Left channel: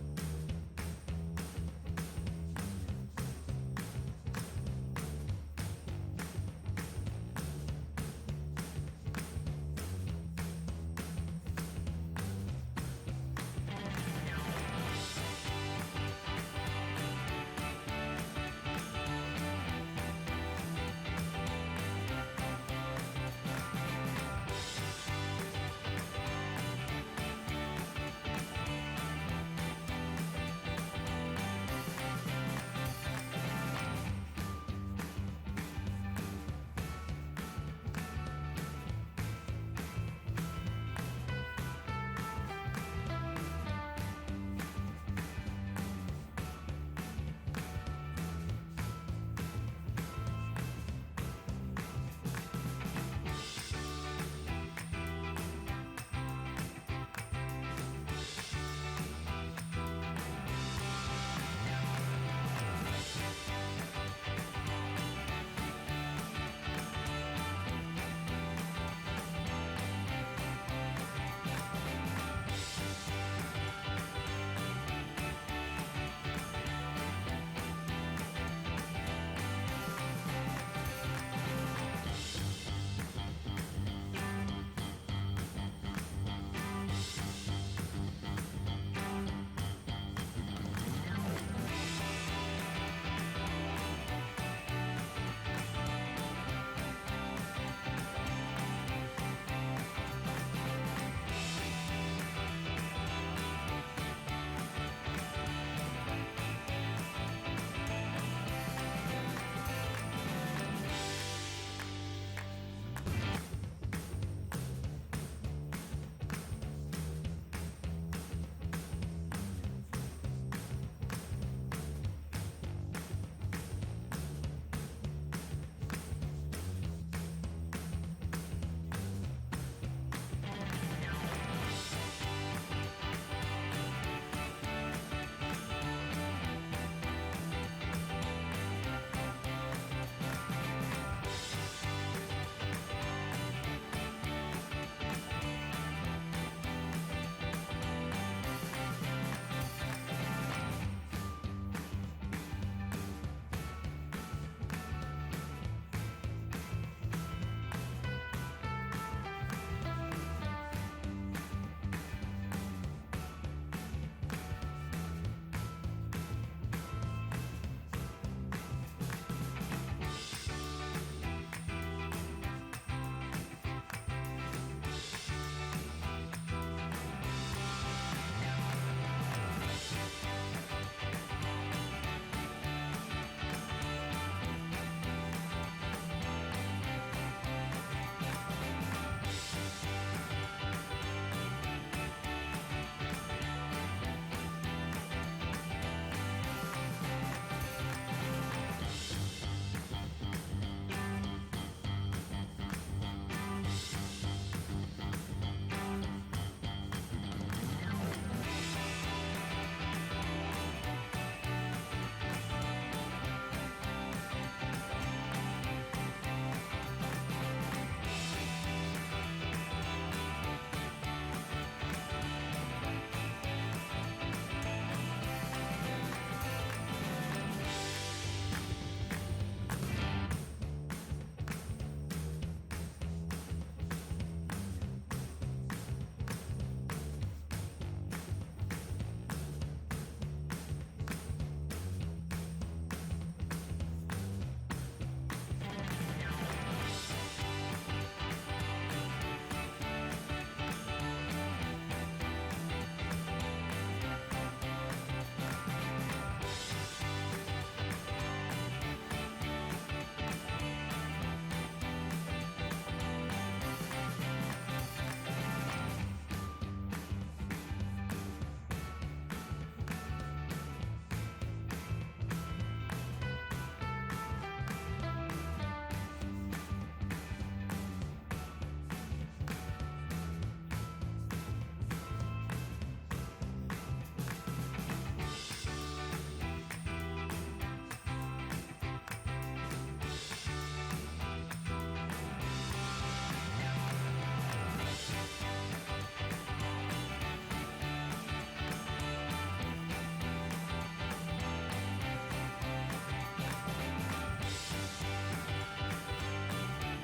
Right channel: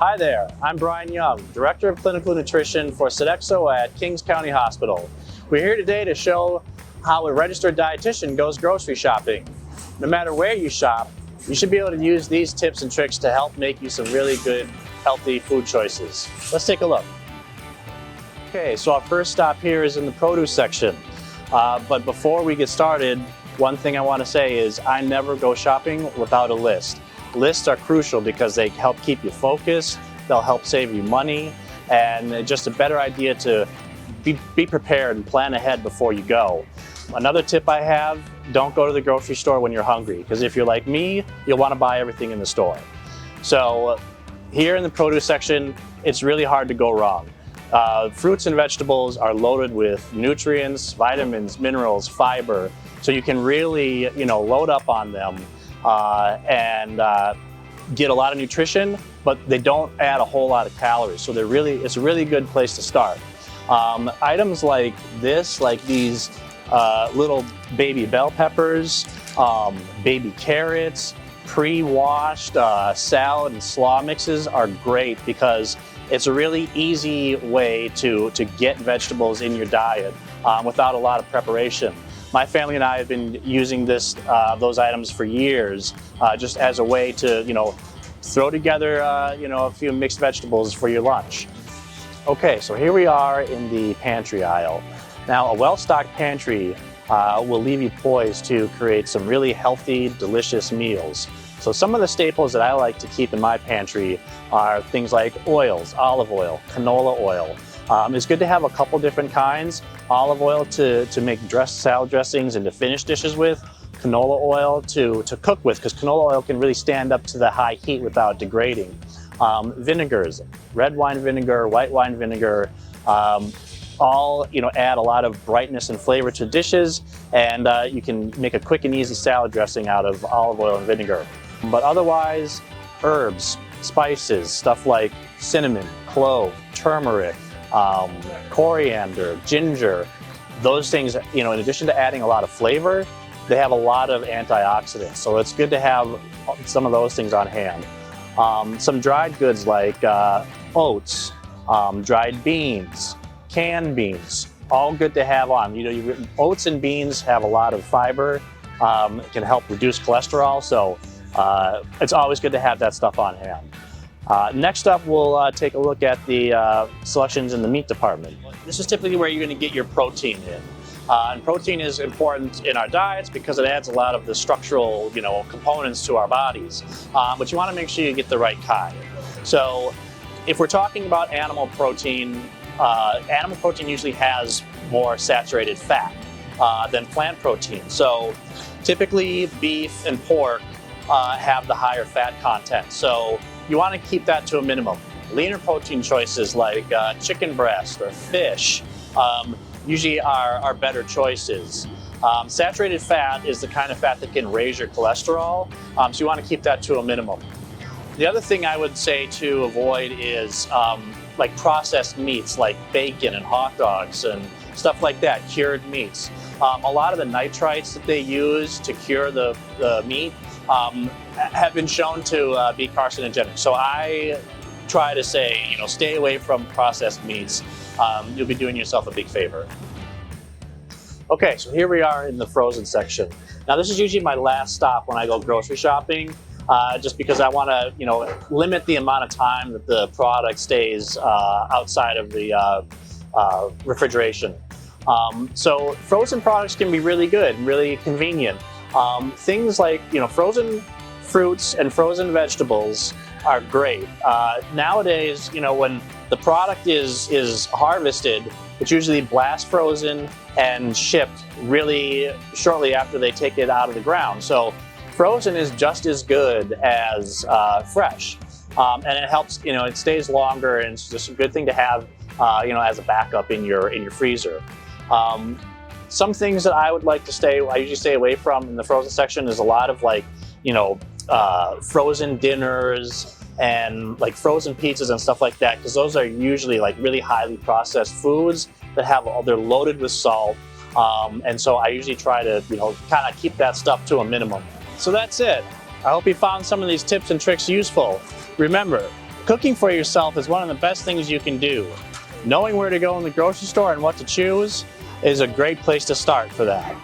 Hi there, I'm Brian Young, Director of Clinical Nutrition for Sodexo at Kings County Hospital. We're here today to show how a registered dietitian goes grocery shopping. No matter where you shop, you should be able to use these tips and tricks to help make you some really good, healthy food choices. Let's take a look. Okay, so our first stop here is in the produce section. But before we get started, one thing I want to say is I never go shopping without a list. Lists are crucial because they help keep you focused, they'll help save you money, and just a better idea to be prepared and plan ahead before you go. Another tip I have, don't go to the grocery store when you're hungry, because if you're like me, you'll want to buy everything in the store. So here in the produce section, it's really hard to go wrong. Fruits and vegetables are loaded with nutrients, vitamins, minerals, fiber, so you can really, load up on them and get a lot of nutrition, but they don't add a whole lot of calories. So it's a really good place to start. Items like this, like these little baby bell peppers, baby carrots, pre-washed salad and slaw mixes are great because it's a really easy way to get vegetables in your diet without a lot of preparation. My family and I have been using those items for years, just as a way to, throw together, a few mixed vegetables for your lunch. Okay, so here we are in the pantry aisle. Now, a well-stocked pantry will leave you poised to create some really healthy, delicious meals. So some of the staples that I like to keep in my pantry are things like oils, olive oil, canola oil. It's good to have a couple different kinds. Olive oil to make salad dressings and to finish dishes with. Canola oil to cook with, because canola oil can really stand up to the high heat without degrading. Vinegars, red wine vinegar, white wine vinegar, all add a lot of brightness and flavor to dishes, and you can make a quick and easy salad dressing out of olive oil and vinegar. But otherwise, herbs, spices, stuff like cinnamon, clove, turmeric, coriander, ginger, those things, in addition to adding a lot of flavor, they have a lot of antioxidants. So it's good to have some of those things on hand. Some dried goods like oats, dried beans, canned beans, all good to have on. Oats and beans have a lot of fiber, can help reduce cholesterol, so it's always good to have that stuff on hand. Next up, we'll take a look at the selections in the meat department. This is typically where you're going to get your protein in. And protein is important in our diets because it adds a lot of the structural, components to our bodies. But you want to make sure you get the right kind. So if we're talking about animal protein usually has more saturated fat than plant protein. So typically beef and pork have the higher fat content. So you want to keep that to a minimum. Leaner protein choices like chicken breast or fish usually are better choices. Saturated fat is the kind of fat that can raise your cholesterol, so you want to keep that to a minimum. The other thing I would say to avoid is like processed meats like bacon and hot dogs and stuff like that, cured meats. A lot of the nitrites that they use to cure the meat have been shown to be carcinogenic. So I try to say, stay away from processed meats. You'll be doing yourself a big favor. Okay, so here we are in the frozen section. Now this is usually my last stop when I go grocery shopping, just because I want to, limit the amount of time that the product stays outside of the refrigeration. So frozen products can be really good and really convenient. Things like, frozen fruits and frozen vegetables are great. Nowadays, when the product is harvested, it's usually blast frozen and shipped really shortly after they take it out of the ground. So frozen is just as good as fresh. And it helps, it stays longer, and it's just a good thing to have, as a backup in your freezer. Some things that I would like to I usually stay away from in the frozen section is a lot of frozen dinners and like frozen pizzas and stuff like that, because those are usually like really highly processed foods that they're loaded with salt. And so I usually try to, kind of keep that stuff to a minimum. So that's it. I hope you found some of these tips and tricks useful. Remember, Cooking for yourself is one of the best things you can do. Knowing where to go in the grocery store and what to choose is a great place to start for that.